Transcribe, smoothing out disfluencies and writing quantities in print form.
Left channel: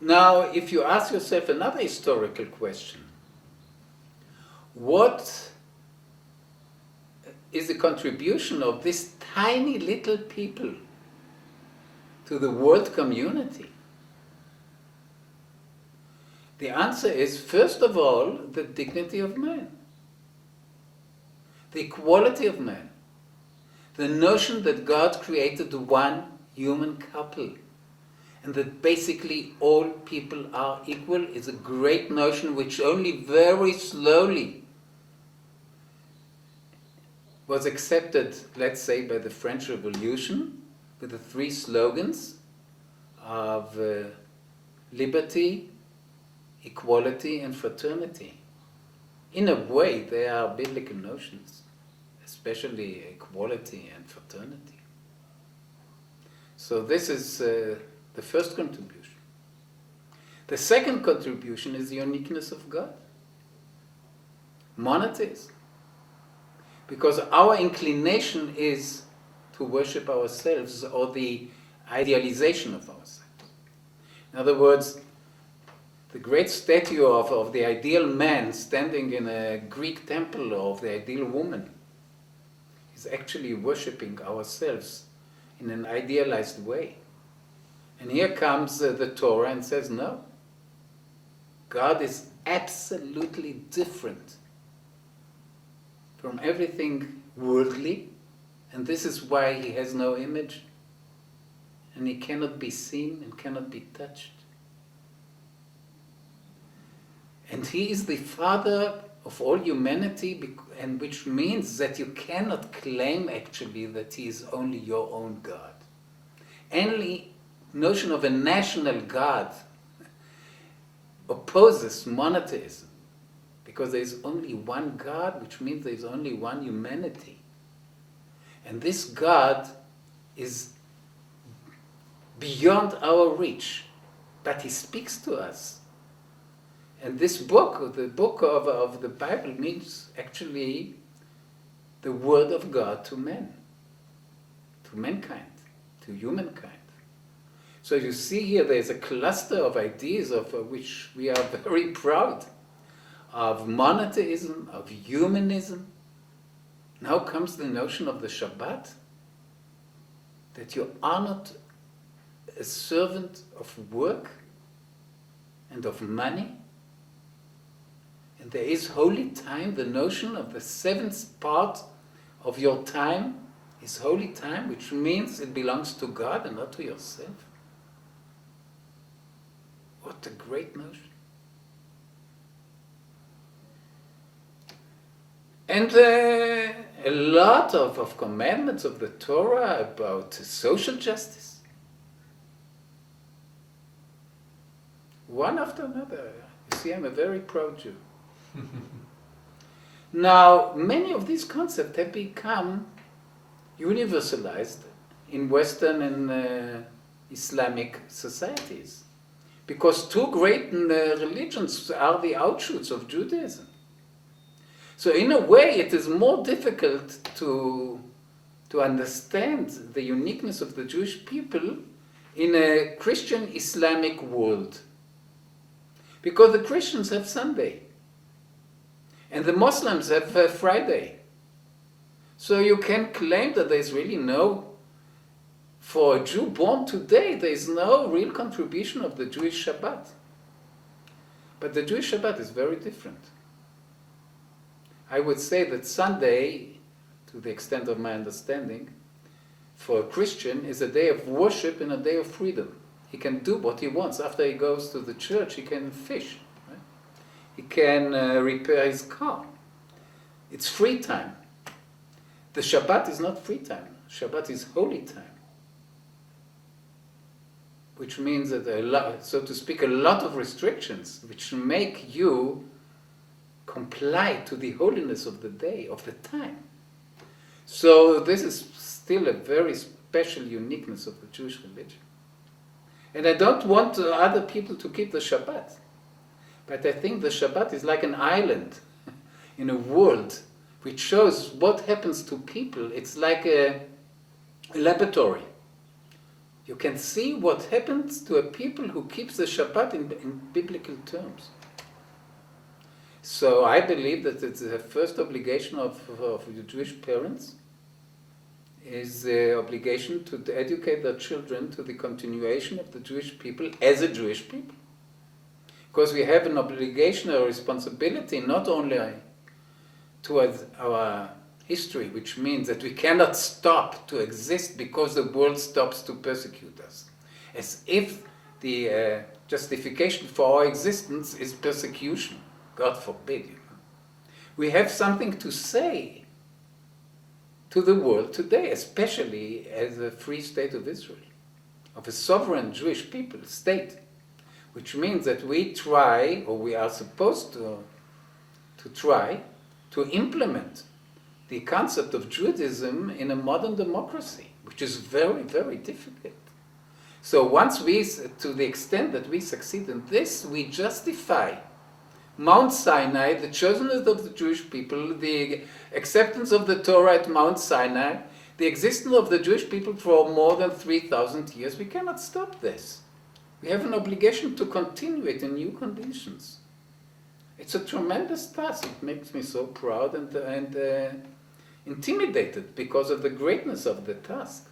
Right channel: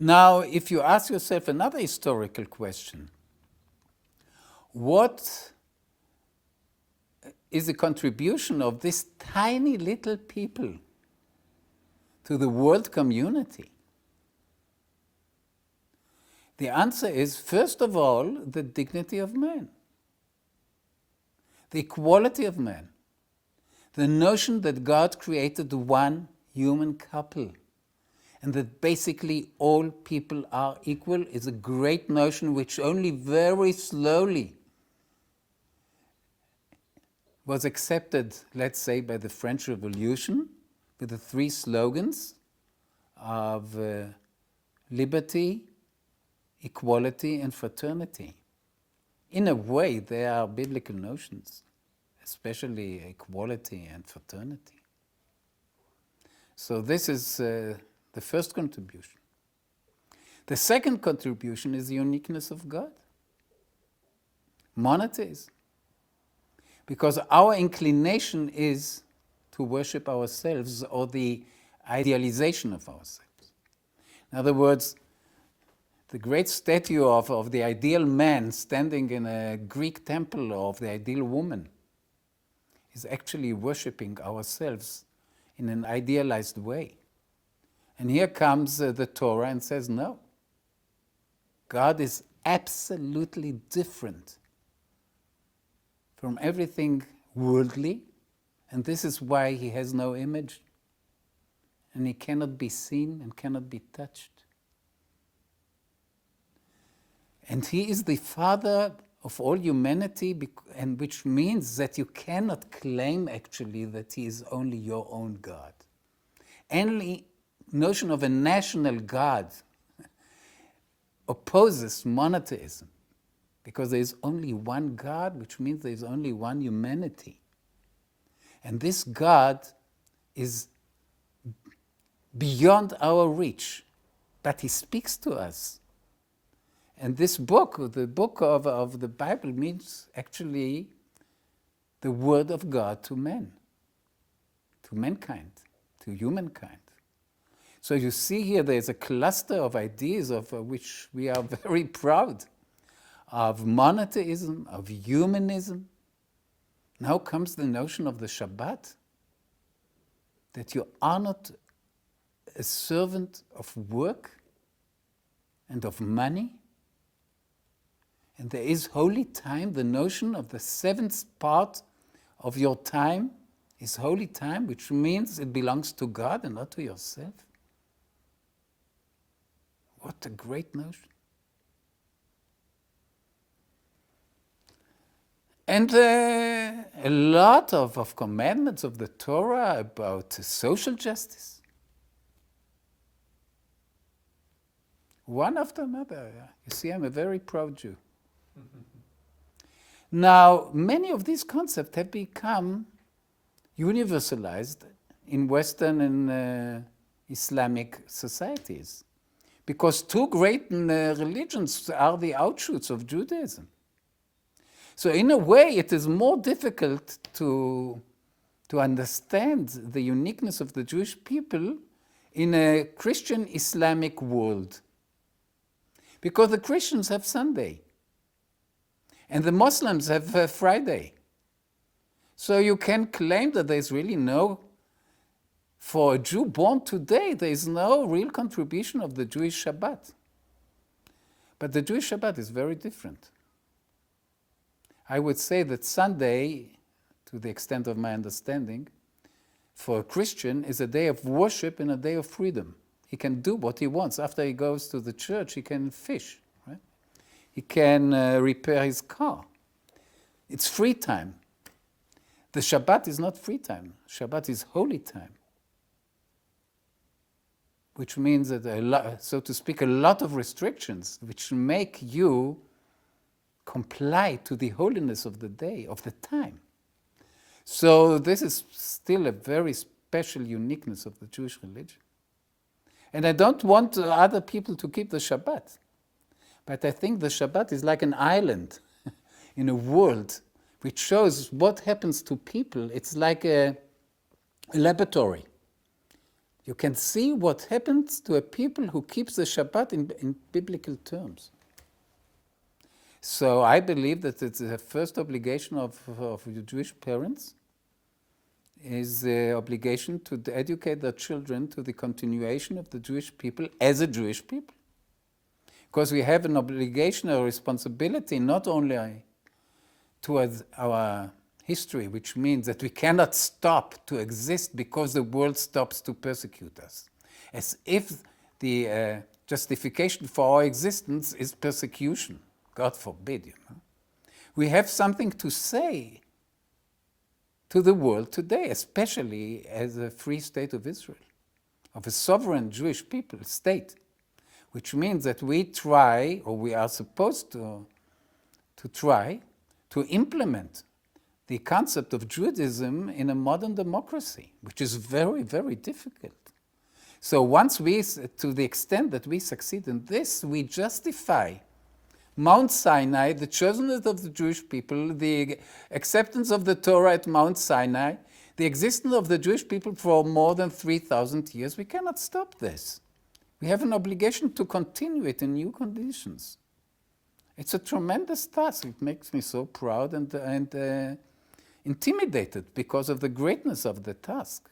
Now, if you ask yourself another historical question, what is the contribution of this tiny little people to the world community? The answer is, first of all, the dignity of man, the equality of man, the notion that God created one human couple and that basically all people are equal is a great notion which only very slowly was accepted, let's say, by the French Revolution with the three slogans of liberty, equality, and fraternity. In a way, they are biblical notions, especially equality and fraternity. So this is the first contribution. The second contribution is the uniqueness of God, monotheism. Because our inclination is to worship ourselves or the idealization of ourselves. In other words, the great statue of the ideal man standing in a Greek temple of the ideal woman is actually worshipping ourselves in an idealized way. And here comes the Torah and says, no, God is absolutely different from everything worldly, and this is why he has no image, and he cannot be seen and cannot be touched. And he is the Father of all humanity, and which means that you cannot claim actually that he is only your own God. Any notion of a national God opposes monotheism, because there is only one God, which means there is only one humanity. And this God is beyond our reach, but he speaks to us. And this book, the book of the Bible, means actually the word of God to men, to mankind, to humankind. So you see here there's a cluster of ideas of which we are very proud, of monotheism, of humanism. Now comes the notion of the Shabbat, that you are not a servant of work and of money. And there is holy time. The notion of the seventh part of your time is holy time, which means it belongs to God and not to yourself. What a great notion. And a lot of commandments of the Torah about social justice. One after another. You see, I'm a very proud Jew. Now, many of these concepts have become universalized in Western and Islamic societies, because two great religions are the outshoots of Judaism. So in a way, it is more difficult to understand the uniqueness of the Jewish people in a Christian Islamic world. Because the Christians have Sunday, and the Muslims have Friday. So you can claim that there is really no, for a Jew born today, there is no real contribution of the Jewish Shabbat. But the Jewish Shabbat is very different. I would say that Sunday, to the extent of my understanding, for a Christian is a day of worship and a day of freedom. He can do what he wants. After he goes to the church, he can fish. Right? He can repair his car. It's free time. The Shabbat is not free time. Shabbat is holy time. Which means that, so to speak, a lot of restrictions which make you comply to the holiness of the day, of the time. So this is still a very special uniqueness of the Jewish religion. And I don't want other people to keep the Shabbat. But I think the Shabbat is like an island in a world which shows what happens to people. It's like a laboratory you can see what happens to a people who keeps the Shabbat in biblical terms. So I believe that it's the first obligation of the Jewish parents is the obligation to educate their children to the continuation of the Jewish people as a Jewish people. Because we have an obligation, a responsibility, not only towards our history, which means that we cannot stop to exist because the world stops to persecute us. As if the justification for our existence is persecution. God forbid. We have something to say to the world today, especially as a free state of Israel, of a sovereign Jewish people, state, which means that we try, or we are supposed to try, to implement the concept of Judaism in a modern democracy, which is very, very difficult. So once to the extent that we succeed in this, we justify Mount Sinai, the chosenhood of the Jewish people, the acceptance of the Torah at Mount Sinai, the existence of the Jewish people for more than 3,000 years. We cannot stop this. We have an obligation to continue it in new conditions. It's a tremendous task. It makes me so proud and intimidated because of the greatness of the task.